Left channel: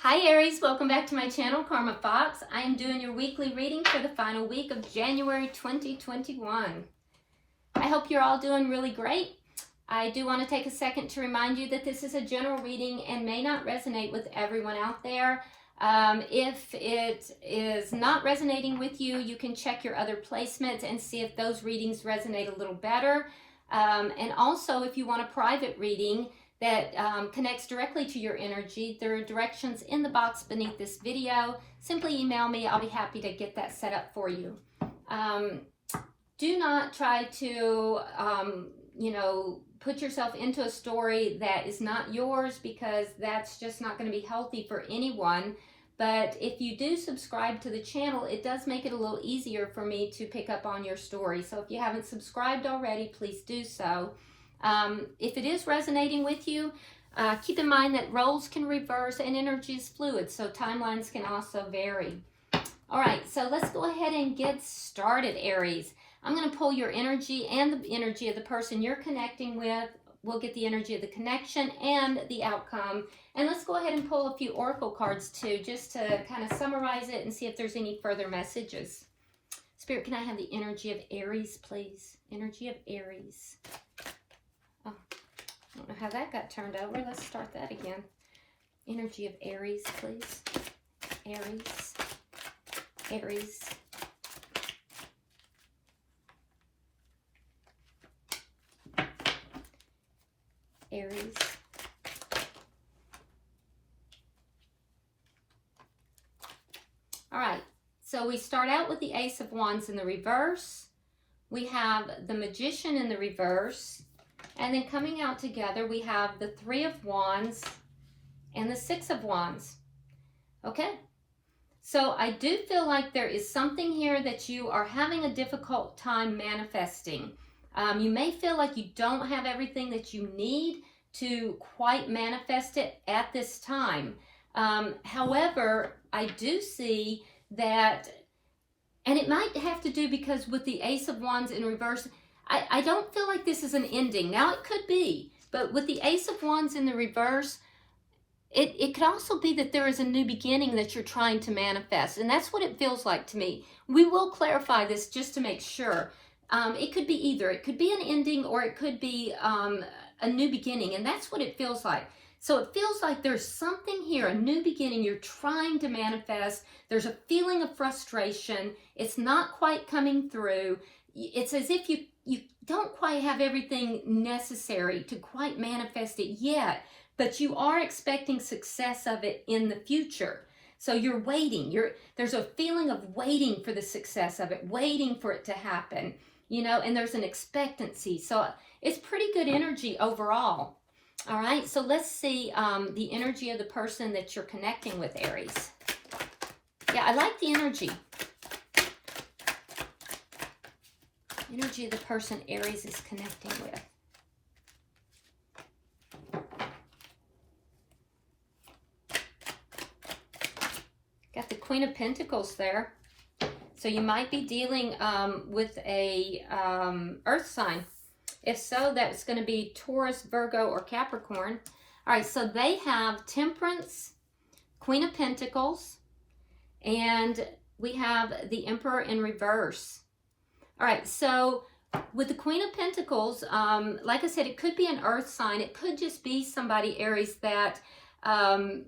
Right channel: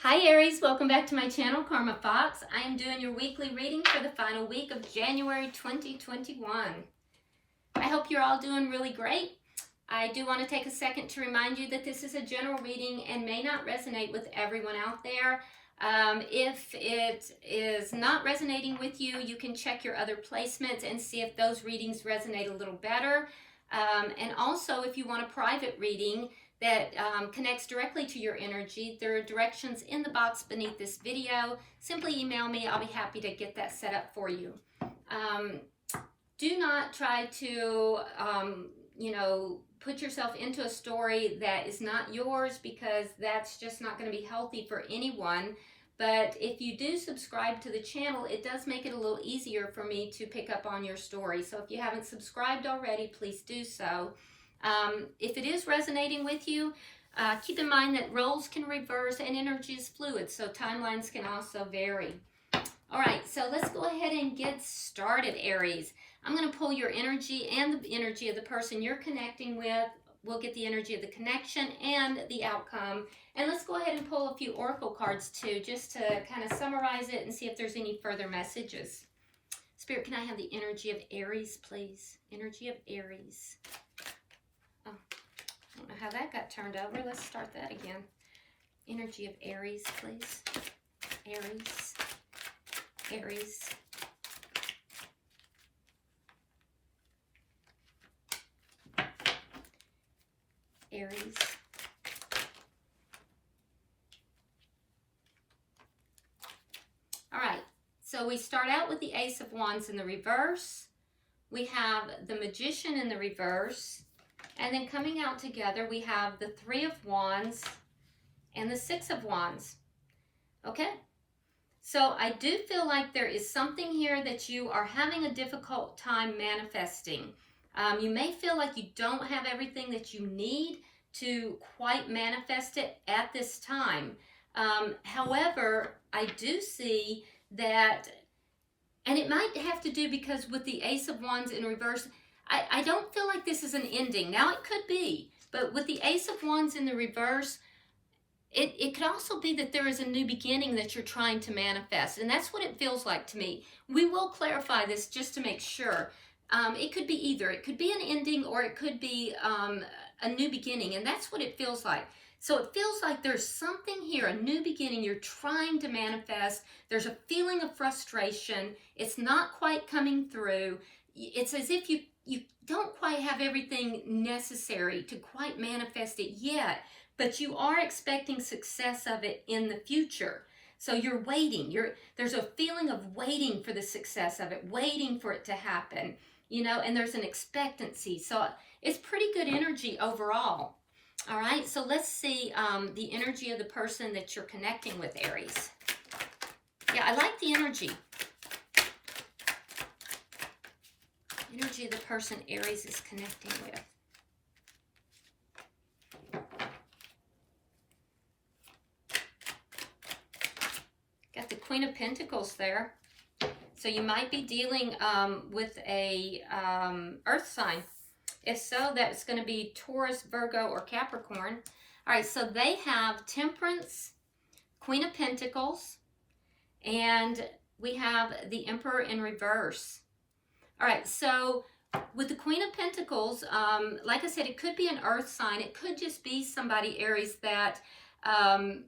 Hi Aries, welcome back to my channel, Karma Fox. I am doing your weekly reading for the final week of January 2021. I hope you're all doing really great. I do want to take a second to remind you that this is a general reading and may not resonate with everyone out there. If it is not resonating with you, you can check your other placements and see if those readings resonate a little better. And also, if you want a private reading that connects directly to your energy, there are directions in the box beneath this video. Simply email me. I'll be happy to get that set up for you. Do not try to, put yourself into a story that is not yours, because that's just not going to be healthy for anyone. But if you do subscribe to the channel, it does make it a little easier for me to pick up on your story. So if you haven't subscribed already, please do so. If it is resonating with you, keep in mind that roles can reverse and energy is fluid, so timelines can also vary. All right, so let's go ahead and get started, Aries. I'm going to pull your energy and the energy of the person you're connecting with. We'll get the energy of the connection and the outcome. And let's go ahead and pull a few oracle cards too, just to kind of summarize it and see if there's any further messages. Spirit, can I have the energy of Aries, please? Energy of Aries. Oh, I don't know how that got turned over. Let's start that again. Energy of Aries, please. Aries. Aries. Aries. All right, so we start out with the Ace of Wands in the reverse. We have the Magician in the reverse. And then coming out together, we have the Three of Wands and the Six of Wands. Okay, so I do feel like there is something here that you are having a difficult time manifesting. You may feel like you don't have everything that you need to quite manifest it at this time. However, I do see that, and it might have to do because with the Ace of Wands in reverse, I don't feel like this is an ending. Now it could be, but with the Ace of Wands in the reverse, it could also be that there is a new beginning that you're trying to manifest. And that's what it feels like to me. We will clarify this just to make sure. It could be either. It could be an ending or it could be a new beginning. And that's what it feels like. So it feels like there's something here, a new beginning you're trying to manifest. There's a feeling of frustration. It's not quite coming through. It's as if you don't quite have everything necessary to quite manifest it yet, but you are expecting success of it in the future. So you're waiting. There's a feeling of waiting for the success of it, waiting for it to happen, and there's an expectancy. So it's pretty good energy overall. All right, so let's see the energy of the person that you're connecting with, Aries. Yeah, I like the energy. Energy of the person Aries is connecting with. Got the Queen of Pentacles there. So you might be dealing with a earth sign. If so, that's going to be Taurus, Virgo, or Capricorn. All right, so they have Temperance, Queen of Pentacles, and we have the Emperor in reverse. All right, so with the Queen of Pentacles, like I said, it could be an earth sign. It could just be somebody, Aries, that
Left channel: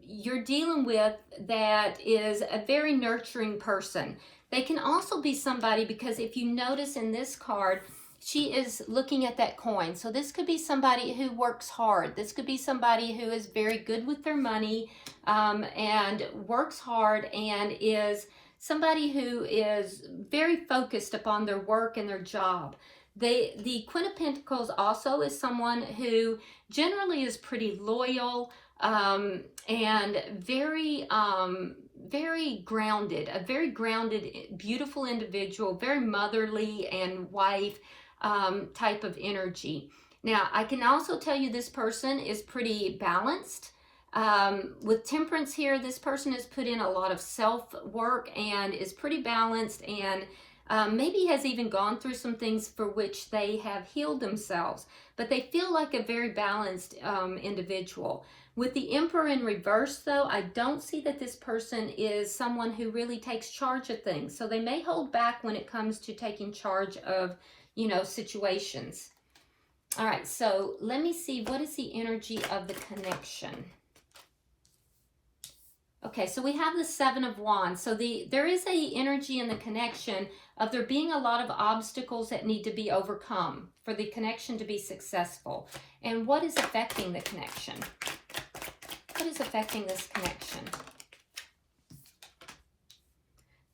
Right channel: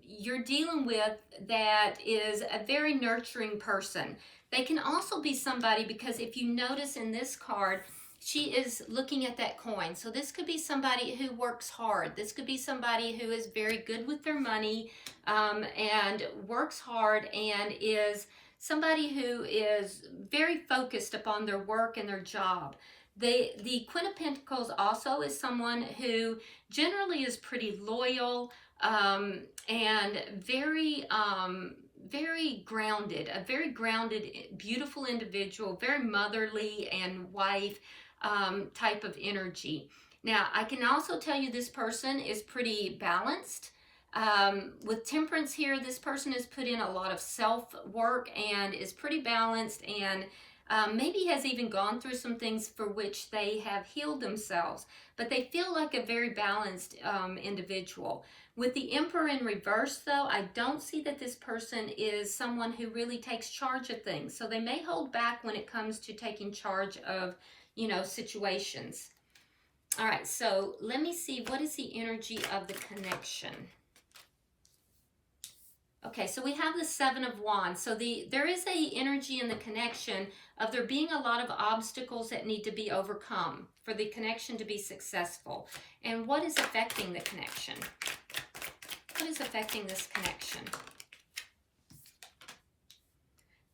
you're dealing with that is a very nurturing person. They can also be somebody, because if you notice in this card, she is looking at that coin. So this could be somebody who works hard. This could be somebody who is very good with their money and works hard, and is somebody who is very focused upon their work and their job. The Queen of Pentacles also is someone who generally is pretty loyal and very grounded, a very grounded, beautiful individual, very motherly and wife type of energy. Now, I can also tell you this person is pretty balanced. With Temperance here, this person has put in a lot of self-work and is pretty balanced, and maybe has even gone through some things for which they have healed themselves, but they feel like a very balanced individual. With the Emperor in reverse, though, I don't see that this person is someone who really takes charge of things. So they may hold back when it comes to taking charge of, you know, situations. All right, so let me see, what is the energy of the connection? Okay, so we have the Seven of Wands. So there is a energy in the connection of there being a lot of obstacles that need to be overcome for the connection to be successful. And what is affecting the connection? What is affecting this connection?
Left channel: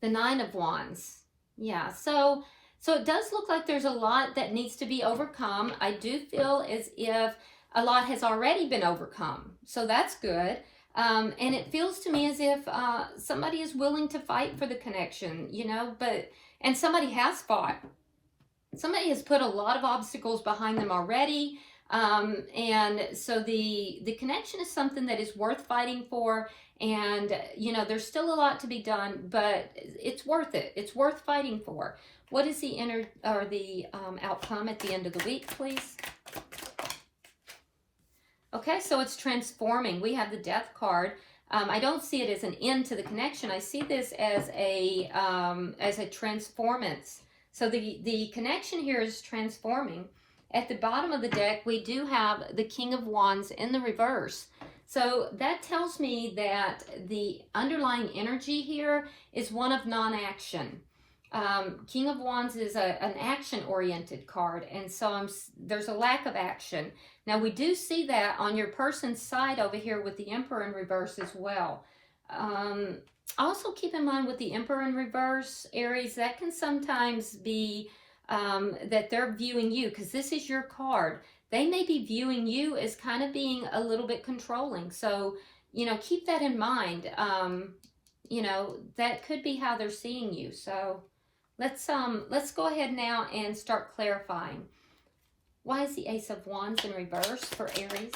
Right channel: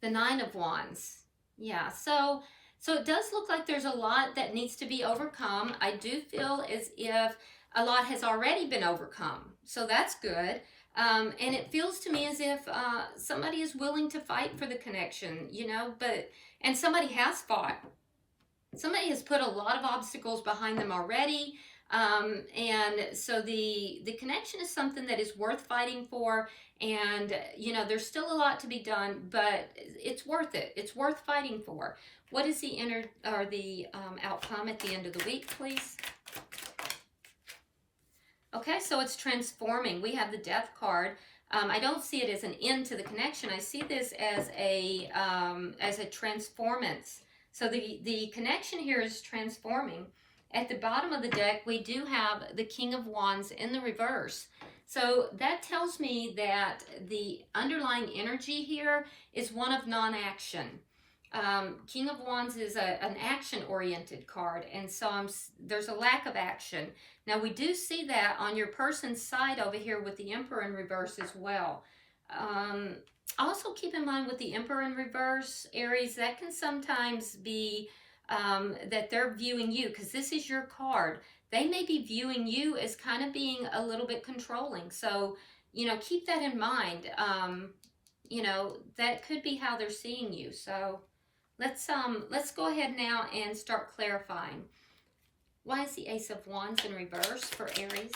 The Nine of Wands. Yeah, so it does look like there's a lot that needs to be overcome. I do feel as if a lot has already been overcome. So that's good. And it feels to me as if somebody is willing to fight for the connection, you know, and somebody has fought. Somebody has put a lot of obstacles behind them already. And so the connection is something that is worth fighting for. And, you know, there's still a lot to be done, but it's worth it. It's worth fighting for. What is the outcome at the end of the week, please? Okay, so it's transforming. We have the Death card. I don't see it as an end to the connection. I see this as a transformance. So the connection here is transforming. At the bottom of the deck, we do have the King of Wands in the reverse. So that tells me that the underlying energy here is one of non-action. King of Wands is an action-oriented card, and so there's a lack of action. Now, we do see that on your person's side over here with the Emperor in reverse as well. Also, keep in mind with the Emperor in reverse, Aries, that can sometimes be that they're viewing you, because this is your card. They may be viewing you as kind of being a little bit controlling. So, you know, keep that in mind. You know, that could be how they're seeing you. So let's go ahead now and start clarifying. Why is the Ace of Wands in reverse for Aries?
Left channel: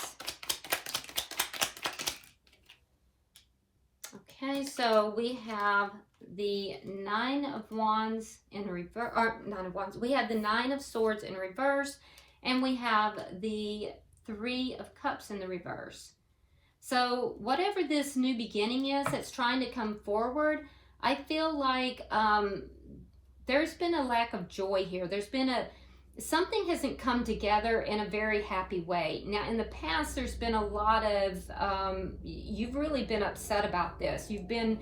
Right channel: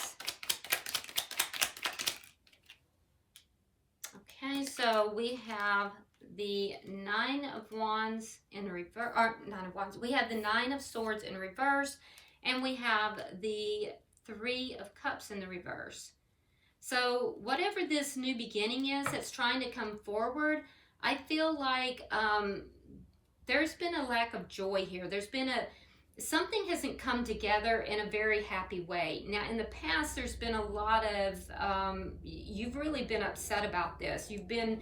Okay, so we have the Nine of Wands in reverse, or Nine of Wands. We have the Nine of Swords in reverse, and we have the Three of Cups in the reverse. So whatever this new beginning is that's trying to come forward, I feel like there's been a lack of joy here. There's been something hasn't come together in a very happy way. Now, in the past, there's been a lot of, you've really been upset about this. You've been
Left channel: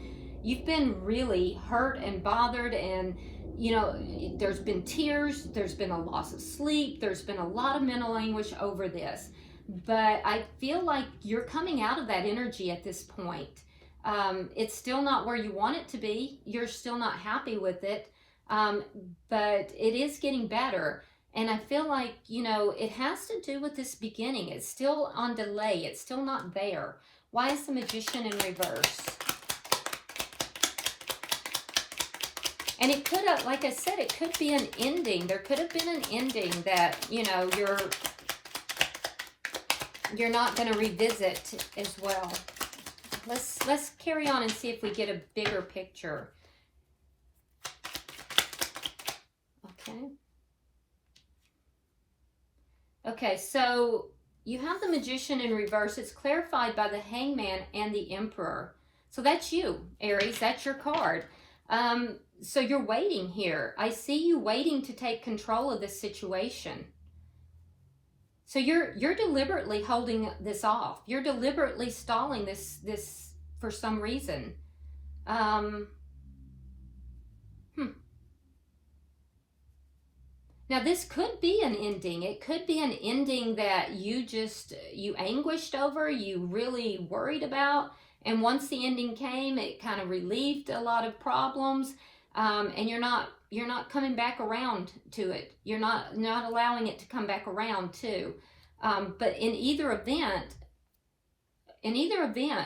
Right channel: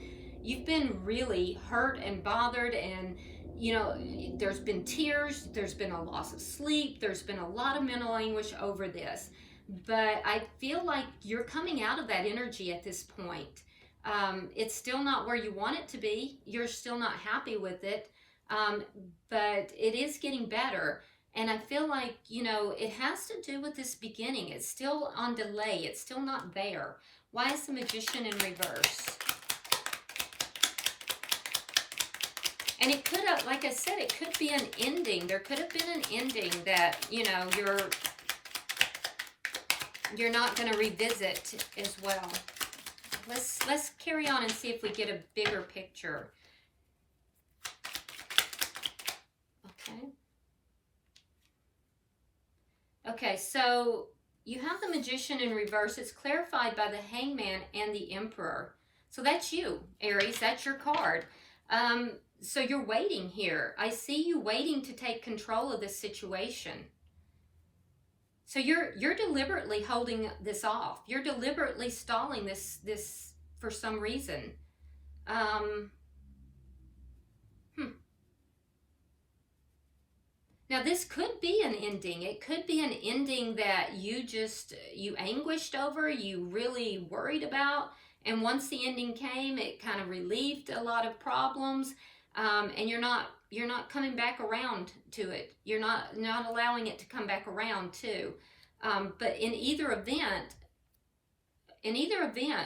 really hurt and bothered, and, you know, there's been tears, there's been a loss of sleep, there's been a lot of mental anguish over this. But I feel like you're coming out of that energy at this point. It's still not where you want it to be. You're still not happy with it, but it is getting better. And I feel like, you know, it has to do with this beginning. It's still on delay. It's still not there. Why is the Magician in reverse? And it could have, like I said, it could be an ending. There could have been an ending that, you know, you're not going to revisit as well. Let's carry on and see if we get a bigger picture. Okay. Okay, so you have the Magician in reverse. It's clarified by the Hangman and the Emperor. So that's you, Aries. That's your card. So you're waiting here. I see you waiting to take control of this situation. So you're deliberately holding this off. You're deliberately stalling this for some reason. Now, this could be an ending. It could be an ending that you anguished over, you really worried about. And once the ending came, it kind of relieved a lot of problems. And you're not coming back around to it. You're not allowing it to come back around too. But in either event,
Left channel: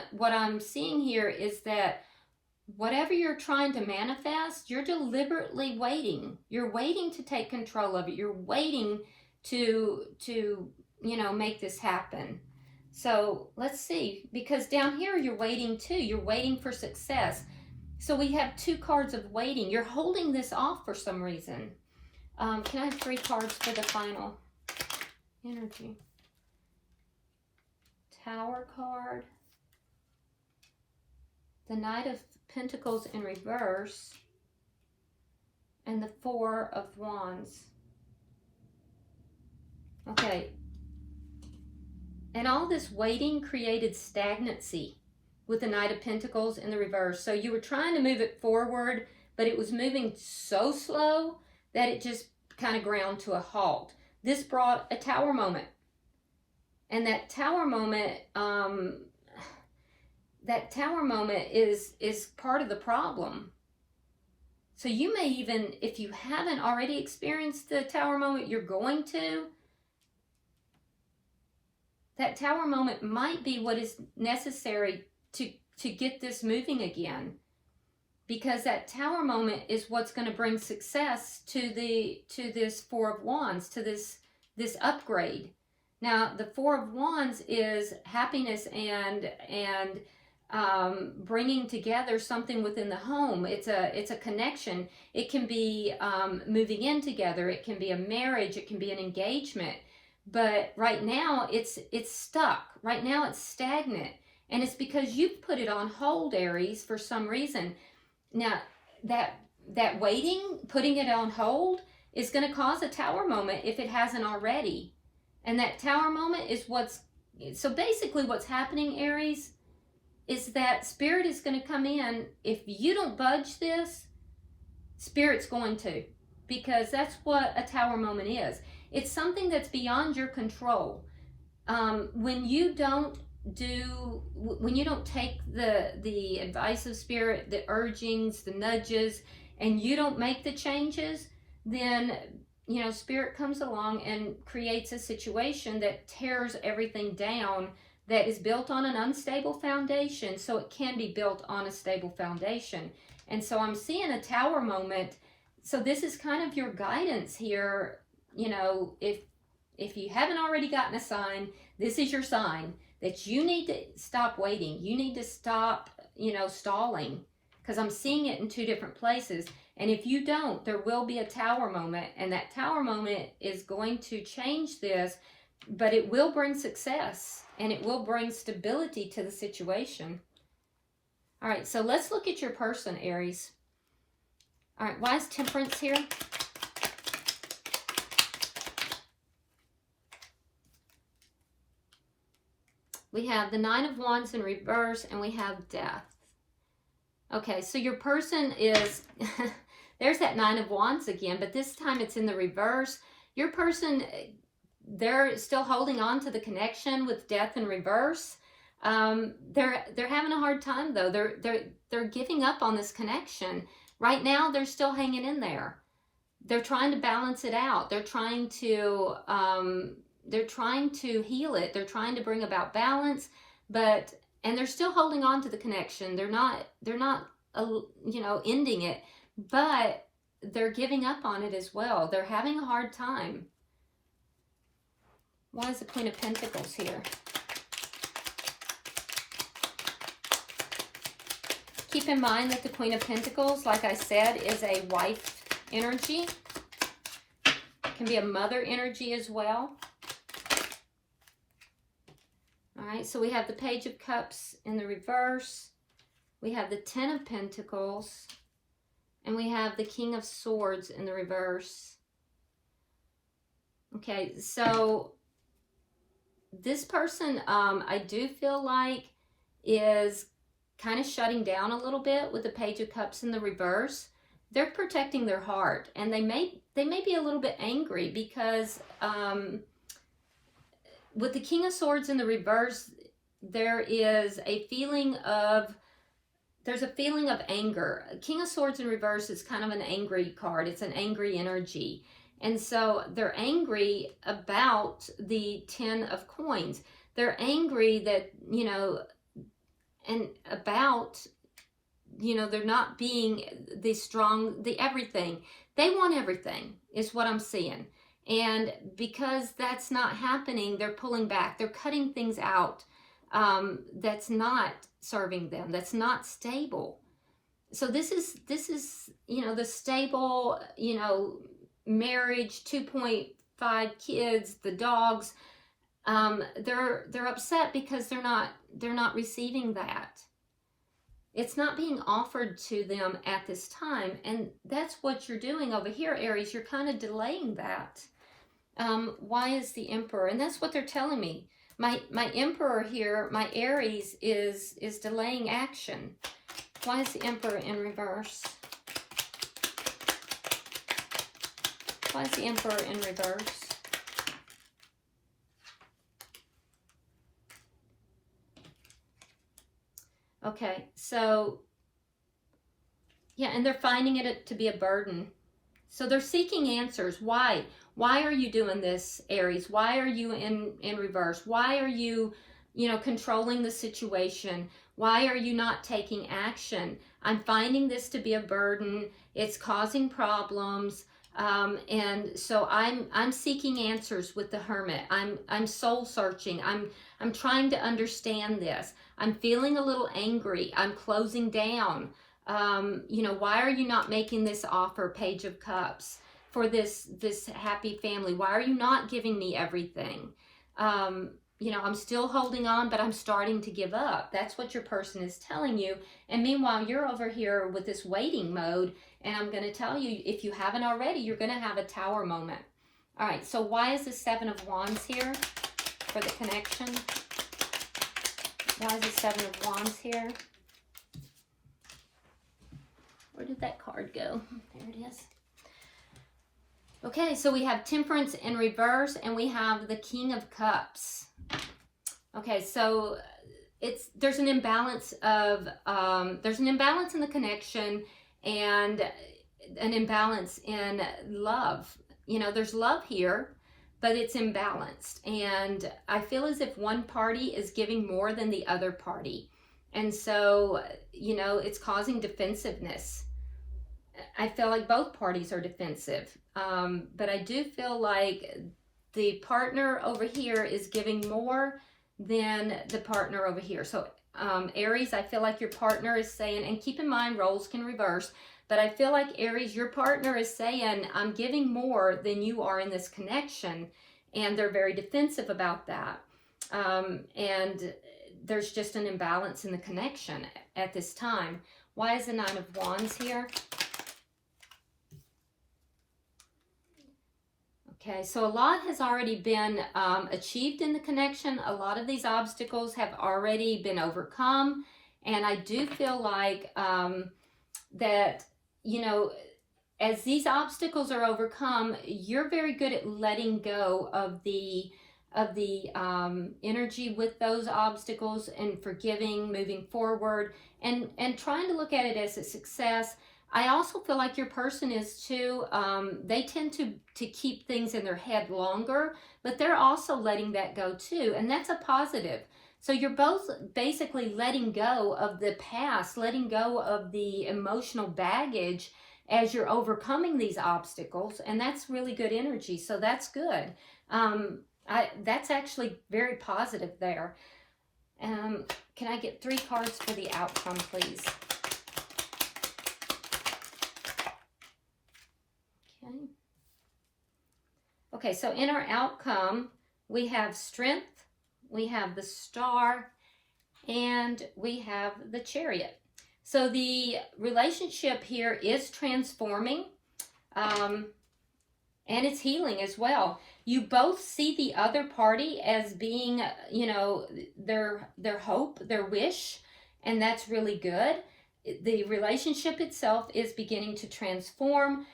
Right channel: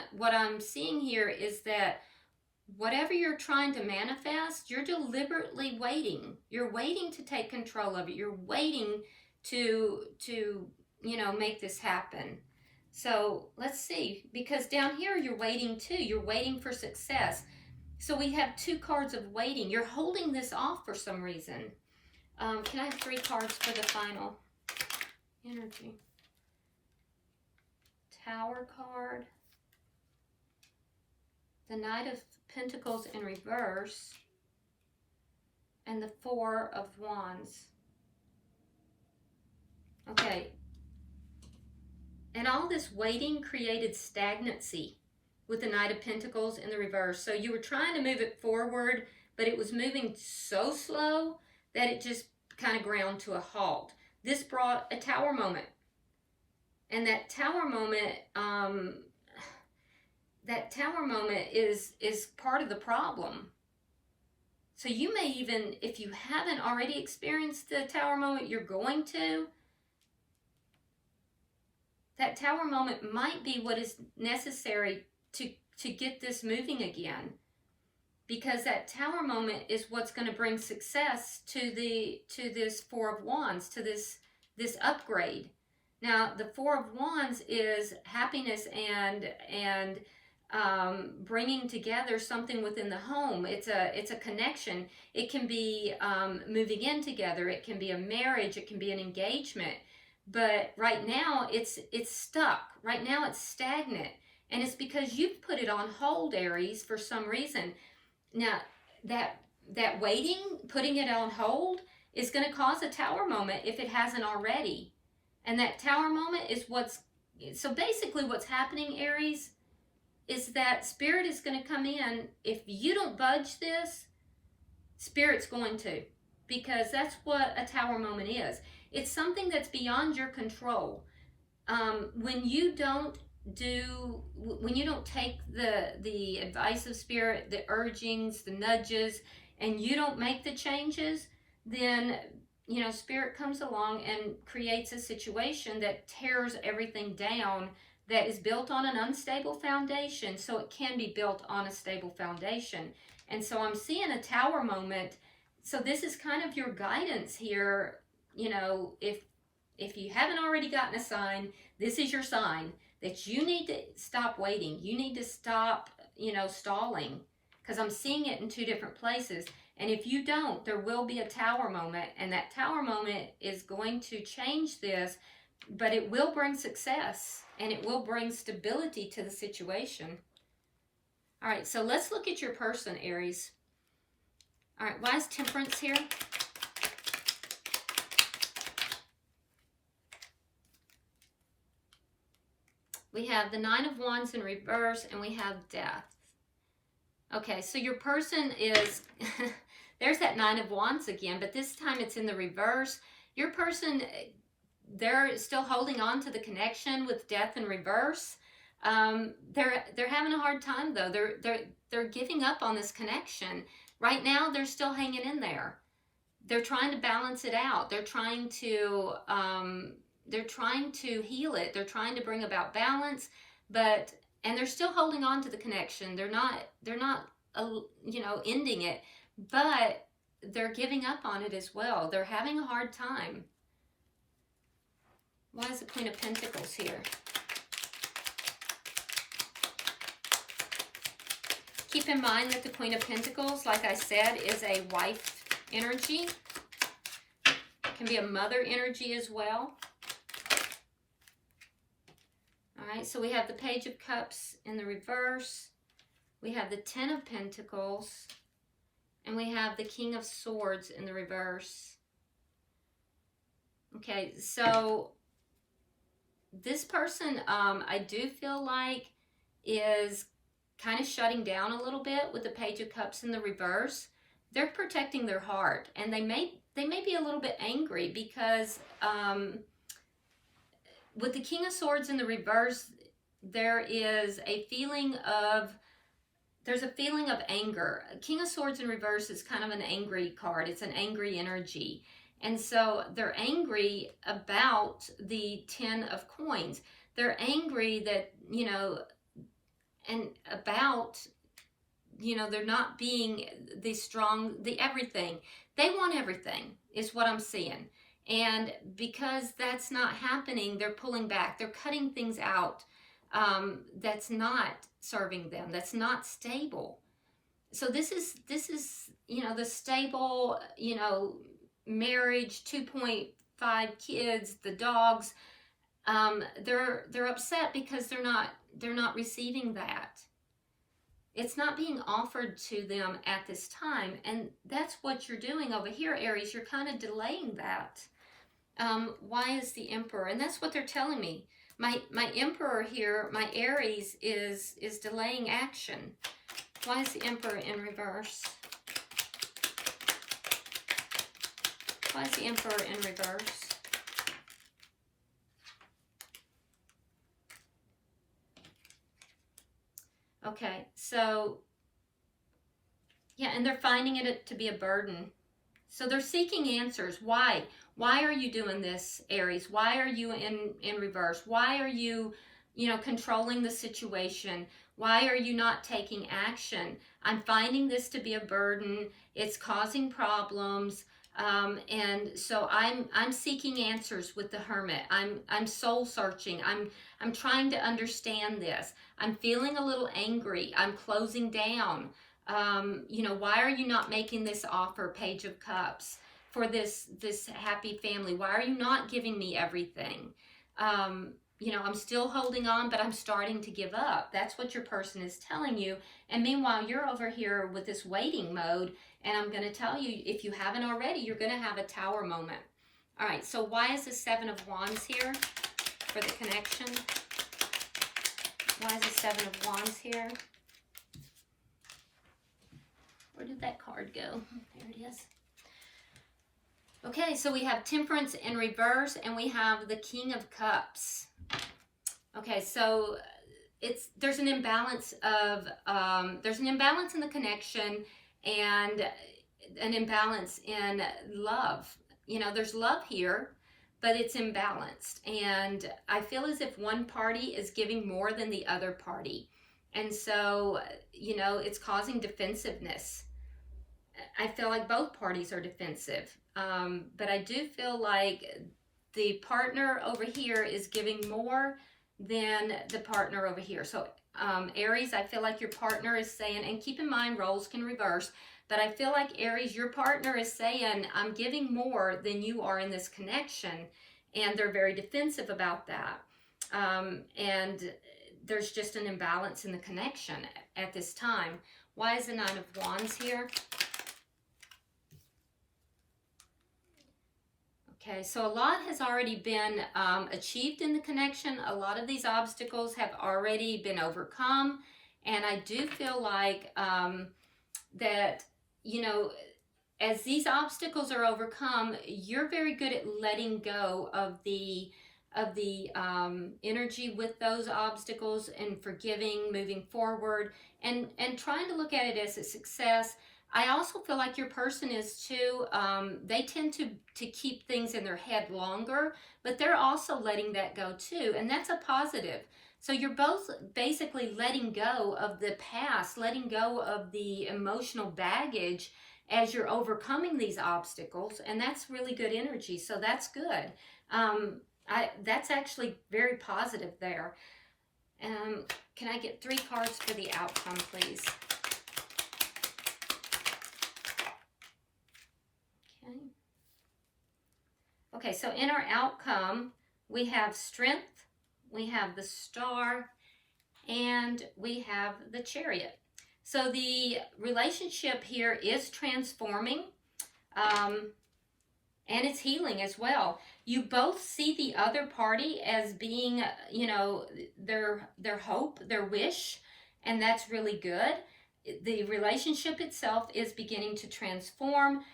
what I'm seeing here is that whatever you're trying to manifest, you're deliberately waiting. You're waiting to take control of it. You're waiting to you know, make this happen. So let's see, because down here you're waiting too. You're waiting for success. So we have two cards of waiting. You're holding this off for some reason. Can I have 3 cards for the final energy? Tower card, the Knight of Pentacles in reverse, and the Four of Wands. Okay. And all this waiting created stagnancy with the Knight of Pentacles in the reverse. So you were trying to move it forward, but it was moving so slow that it just kind of ground to a halt. This brought a Tower moment. And that Tower moment, is part of the problem. So you may even, if you haven't already experienced the Tower moment, you're going to. That Tower moment might be what is necessary to get this moving again. Because that Tower moment is what's going to bring success to this Four of Wands, to this upgrade. Now, the Four of Wands is happiness and bringing together something within the home. It's a connection. It can be moving in together. It can be a marriage. It can be an engagement. But right now, it's stuck. Right now, it's stagnant. And it's because you've put it on hold, Aries, for some reason. Now, that waiting, putting it on hold, is going to cause a Tower moment if it hasn't already. And that Tower moment is so basically what's happening, Aries, is that Spirit is going to come in. If you don't budge this, Spirit's going to. Because that's what a Tower moment is. It's something that's beyond your control. When you don't take the advice of Spirit, the urgings, the nudges, and you don't make the changes, then, you know, Spirit comes along and creates a situation that tears everything down that is built on an unstable foundation, so it can be built on a stable foundation. And so I'm seeing a Tower moment. So this is kind of your guidance here. You know, if you haven't already gotten a sign, this is your sign that you need to stop waiting. You need to stop, you know, stalling, because I'm seeing it in two different places. And if you don't, there will be a Tower moment, and that Tower moment is going to change this, but it will bring success and it will bring stability to the situation. All right, so let's look at your person, Aries. All right, why is Temperance here? We have the Nine of Wands in reverse, and we have Death. Okay, so your person is, there's that Nine of Wands again, but this time it's in the reverse. Your person, they're still holding on to the connection with Death in reverse. They're having a hard time though. They're giving up on this connection. Right now, they're still hanging in there. They're trying to balance it out. They're trying to heal it. They're trying to bring about balance, and they're still holding on to the connection. They're not you know, ending it, but they're giving up on it as well. They're having a hard time. Why is the Queen of Pentacles here? Keep in mind that the Queen of Pentacles, like I said, is a wife energy. It can be a mother energy as well. All right, so we have the Page of Cups in the reverse. We have the Ten of Pentacles. And we have the King of Swords in the reverse. Okay, so this person, I do feel like, is kind of shutting down a little bit with the Page of Cups in the reverse. They're protecting their heart, and they may be a little bit angry because with the King of Swords in the reverse, there is a feeling of anger. King of Swords in reverse is kind of an angry card. It's an angry energy. And so they're angry about the 10 of coins. They're angry that, you know, and about, you know, they're not being the strong, the everything. They want everything is what I'm seeing. And because that's not happening, they're pulling back. They're cutting things out that's not serving them. That's not stable. So this is, you know, the stable, you know, marriage, 2.5 kids, the dogs. they're upset because they're not receiving that. It's not being offered to them at this time, and that's what you're doing over here, Aries. You're kind of delaying that. Why is the Emperor? And that's what they're telling me. My Emperor here, my Aries, is delaying action. Why is the Emperor in reverse? Why is the Emperor in reverse? Okay, so, yeah, and they're finding it to be a burden. So they're seeking answers. Why? Why are you doing this, Aries? Why are you in reverse? Why are you, controlling the situation? Why are you not taking action? I'm finding this to be a burden. It's causing problems. And so I'm seeking answers with the Hermit. I'm soul searching. I'm trying to understand this. I'm feeling a little angry. I'm closing down. Why are you not making this offer, Page of Cups, for this happy family? Why are you not giving me everything? I'm still holding on, but I'm starting to give up. That's what your person is telling you. And meanwhile, you're over here with this waiting mode. And I'm going to tell you, if you haven't already, you're going to have a Tower moment. All right, so why is the Seven of Wands here for the connection? Why is the Seven of Wands here? Where did that card go? There it is. Okay, so we have Temperance in reverse, and we have the King of Cups. Okay, so there's an imbalance of in the connection, and an imbalance in love. There's love here, but it's imbalanced, and I feel as if one party is giving more than the other party, and so it's causing defensiveness. I feel like both parties are defensive, but I do feel like the partner over here is giving more than the partner over here. So Aries, I feel like your partner is saying, and keep in mind roles can reverse, but I feel like Aries, your partner is saying, I'm giving more than you are in this connection, and they're very defensive about that. And there's just an imbalance in the connection at this time. Why is the Nine of Wands here? Okay, so a lot has already been achieved in the connection. A lot of these obstacles have already been overcome. And I do feel like that, as these obstacles are overcome, you're very good at letting go of the energy with those obstacles and forgiving, moving forward, and trying to look at it as a success. I also feel like your person is too, they tend to keep things in their head longer, but they're also letting that go too, and that's a positive. So you're both basically letting go of the past, letting go of the emotional baggage as you're overcoming these obstacles, and that's really good energy, so that's good. That's actually very positive there. Can I get 3 cards for the outcome, please? Okay, so in our outcome, we have Strength, we have the Star, and we have the Chariot. So the relationship here is transforming, and it's healing as well. You both see the other party as being, their hope, their wish, and that's really good. The relationship itself is beginning to transform.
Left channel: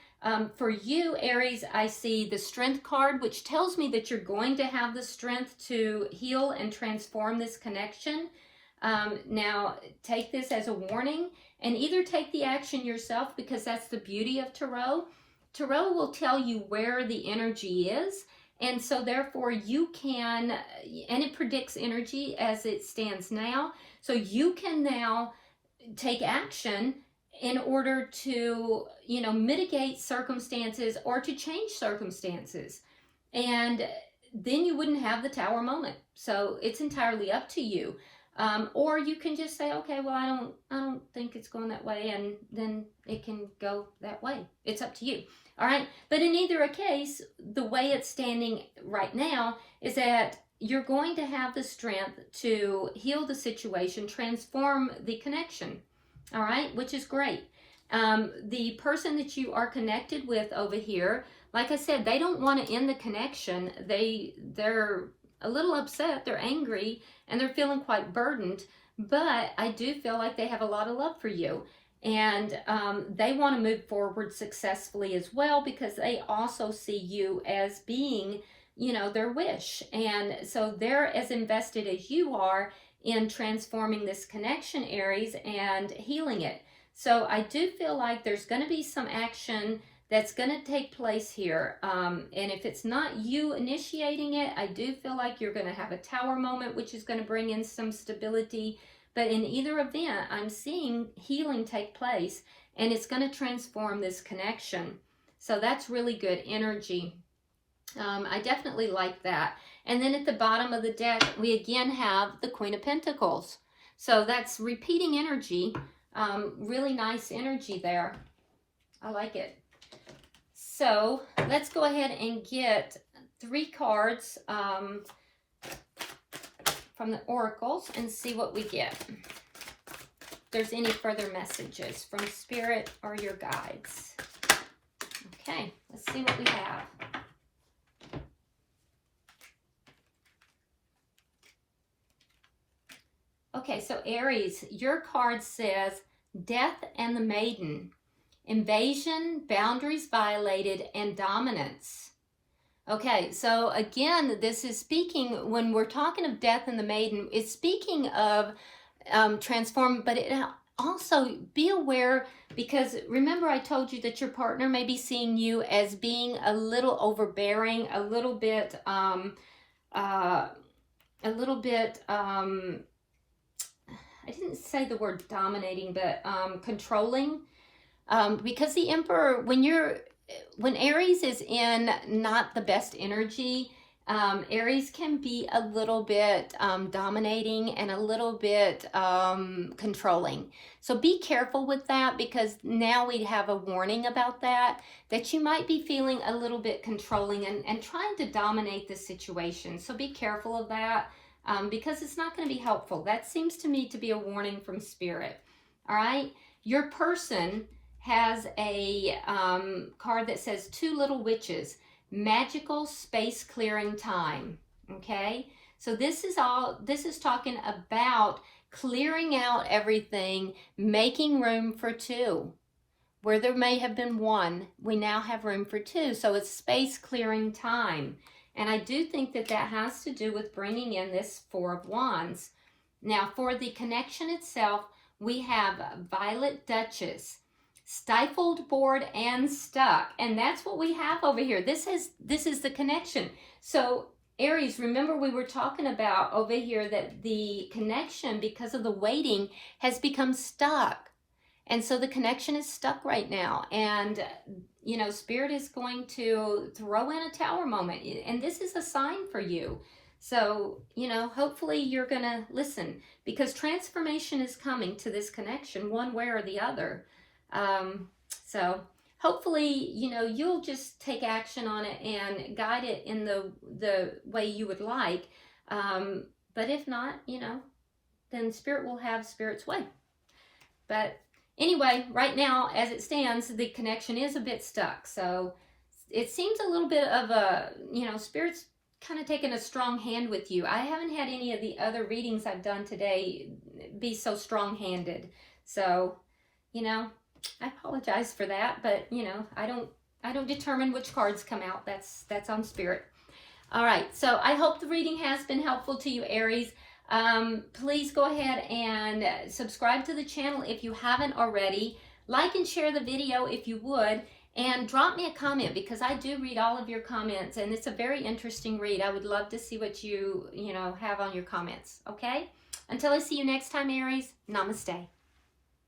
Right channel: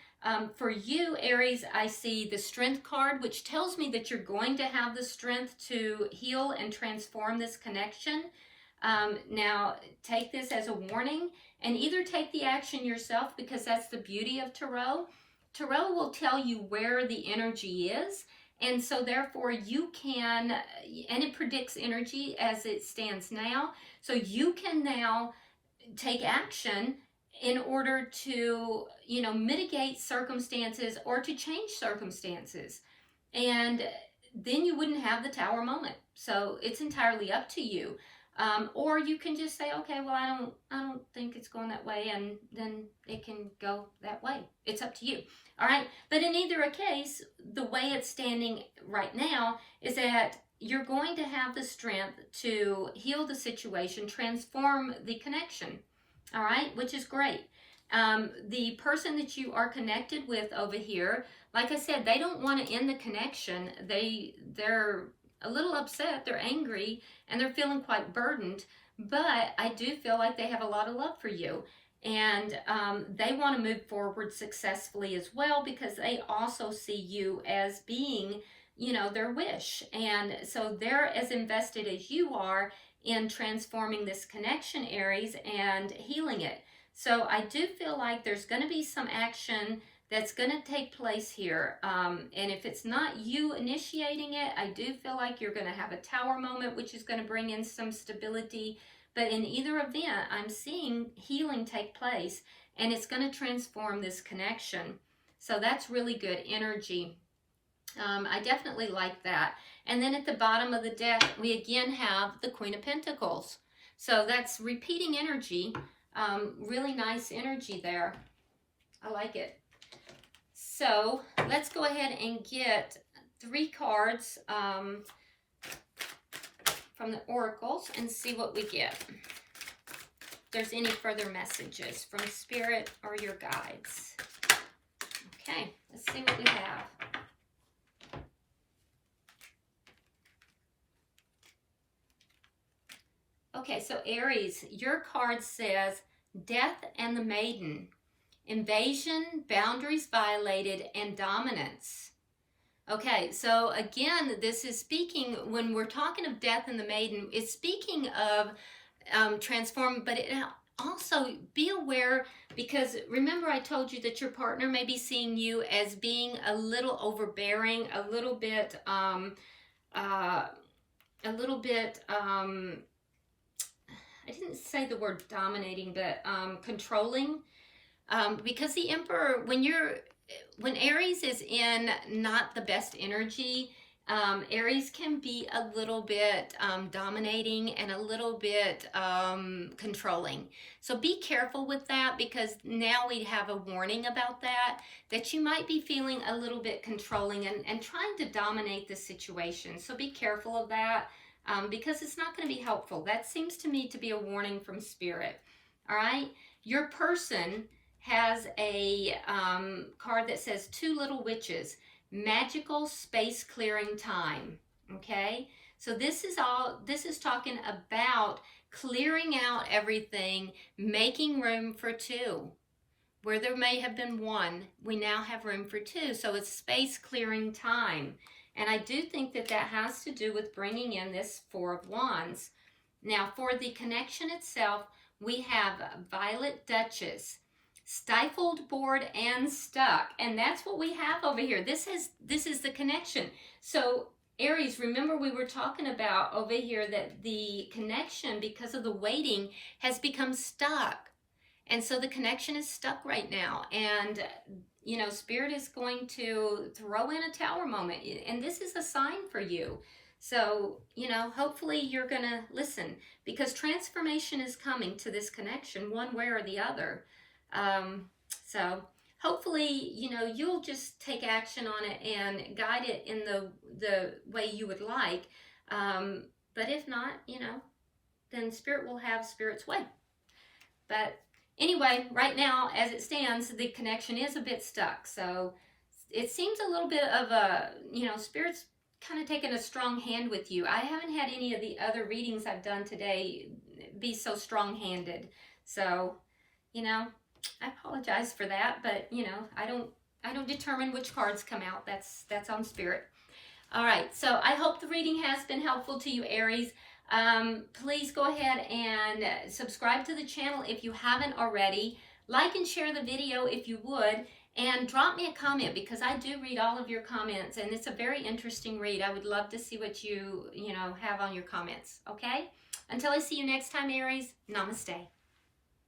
For you, Aries, I see the Strength card, which tells me that you're going to have the strength to heal and transform this connection. Now, take this as a warning, and either take the action yourself, because that's the beauty of Tarot. Tarot will tell you where the energy is, and so therefore you can, and it predicts energy as it stands now, so you can now take action in order to, mitigate circumstances or to change circumstances. And then you wouldn't have the Tower moment. So it's entirely up to you. Or you can just say, okay, well, I don't think it's going that way, and then it can go that way. It's up to you. All right. But in either case, the way it's standing right now is that you're going to have the strength to heal the situation, transform the connection, all right, which is great. The person that you are connected with over here, like I said, they don't want to end the connection. They're a little upset, they're angry, and they're feeling quite burdened, but I do feel like they have a lot of love for you. And they want to move forward successfully as well, because they also see you as being, you know, their wish. And so they're as invested as you are in transforming this connection, Aries, and healing it. So I do feel like there's going to be some action that's going to take place here. And if it's not you initiating it, I do feel like you're going to have a tower moment, which is going to bring in some stability. But in either event, I'm seeing healing take place, and it's going to transform this connection. So that's really good energy. I definitely like that. And then at the bottom of the deck, we again have the Queen of Pentacles. So that's repeating energy. Really nice energy there. I like it. So let's go ahead and get 3 cards from the oracles and see what we get. If there's any further messages from Spirit or your guides. Okay, let's see what we have. Okay, so Aries, your card says Death and the Maiden, invasion, boundaries violated, and dominance. Okay, so again, this is speaking, when we're talking of Death and the Maiden, it's speaking of transform, but it also, be aware, because remember I told you that your partner may be seeing you as being a little overbearing, a little bit, I didn't say the word dominating, but controlling, because the Emperor, when Aries is in not the best energy, Aries can be a little bit dominating and a little bit controlling. So be careful with that, because now we have a warning about that you might be feeling a little bit controlling and trying to dominate the situation. So be careful of that, because it's not going to be helpful. That seems to me to be a warning from Spirit. All right. Your person has a card that says 2 little witches, magical space clearing time. Okay, so this is talking about clearing out everything, making room for 2. Where there may have been 1, we now have room for 2. So it's space clearing time. And I do think that that has to do with bringing in this 4 of Wands. Now for the connection itself, we have Violet Duchess, stifled, bored, and stuck. And that's what we have over here. This is the connection. So Aries, remember we were talking about over here that the connection, because of the waiting, has become stuck. And so the connection is stuck right now. And, you know, Spirit is going to throw in a tower moment. And this is a sign for you. So, you know, hopefully you're going to listen, because transformation is coming to this connection one way or the other. So hopefully, you know, you'll just take action on it and guide it in the way you would like. But if not, you know, then Spirit will have Spirit's way. But anyway, right now, as it stands, the connection is a bit stuck. So it seems a little bit of a, you know, Spirit's kind of taking a strong hand with you. I haven't had any of the other readings I've done today be so strong-handed. So, you know, I apologize for that, but you know, I don't determine which cards come out. That's on Spirit. All right, so I hope the reading has been helpful to you, Aries. Please go ahead and subscribe to the channel if you haven't already. Like and share the video if you would, and drop me a comment, because I do read all of your comments, and it's a very interesting read. I would love to see what you know have on your comments. Okay, until I see you next time, Aries, namaste.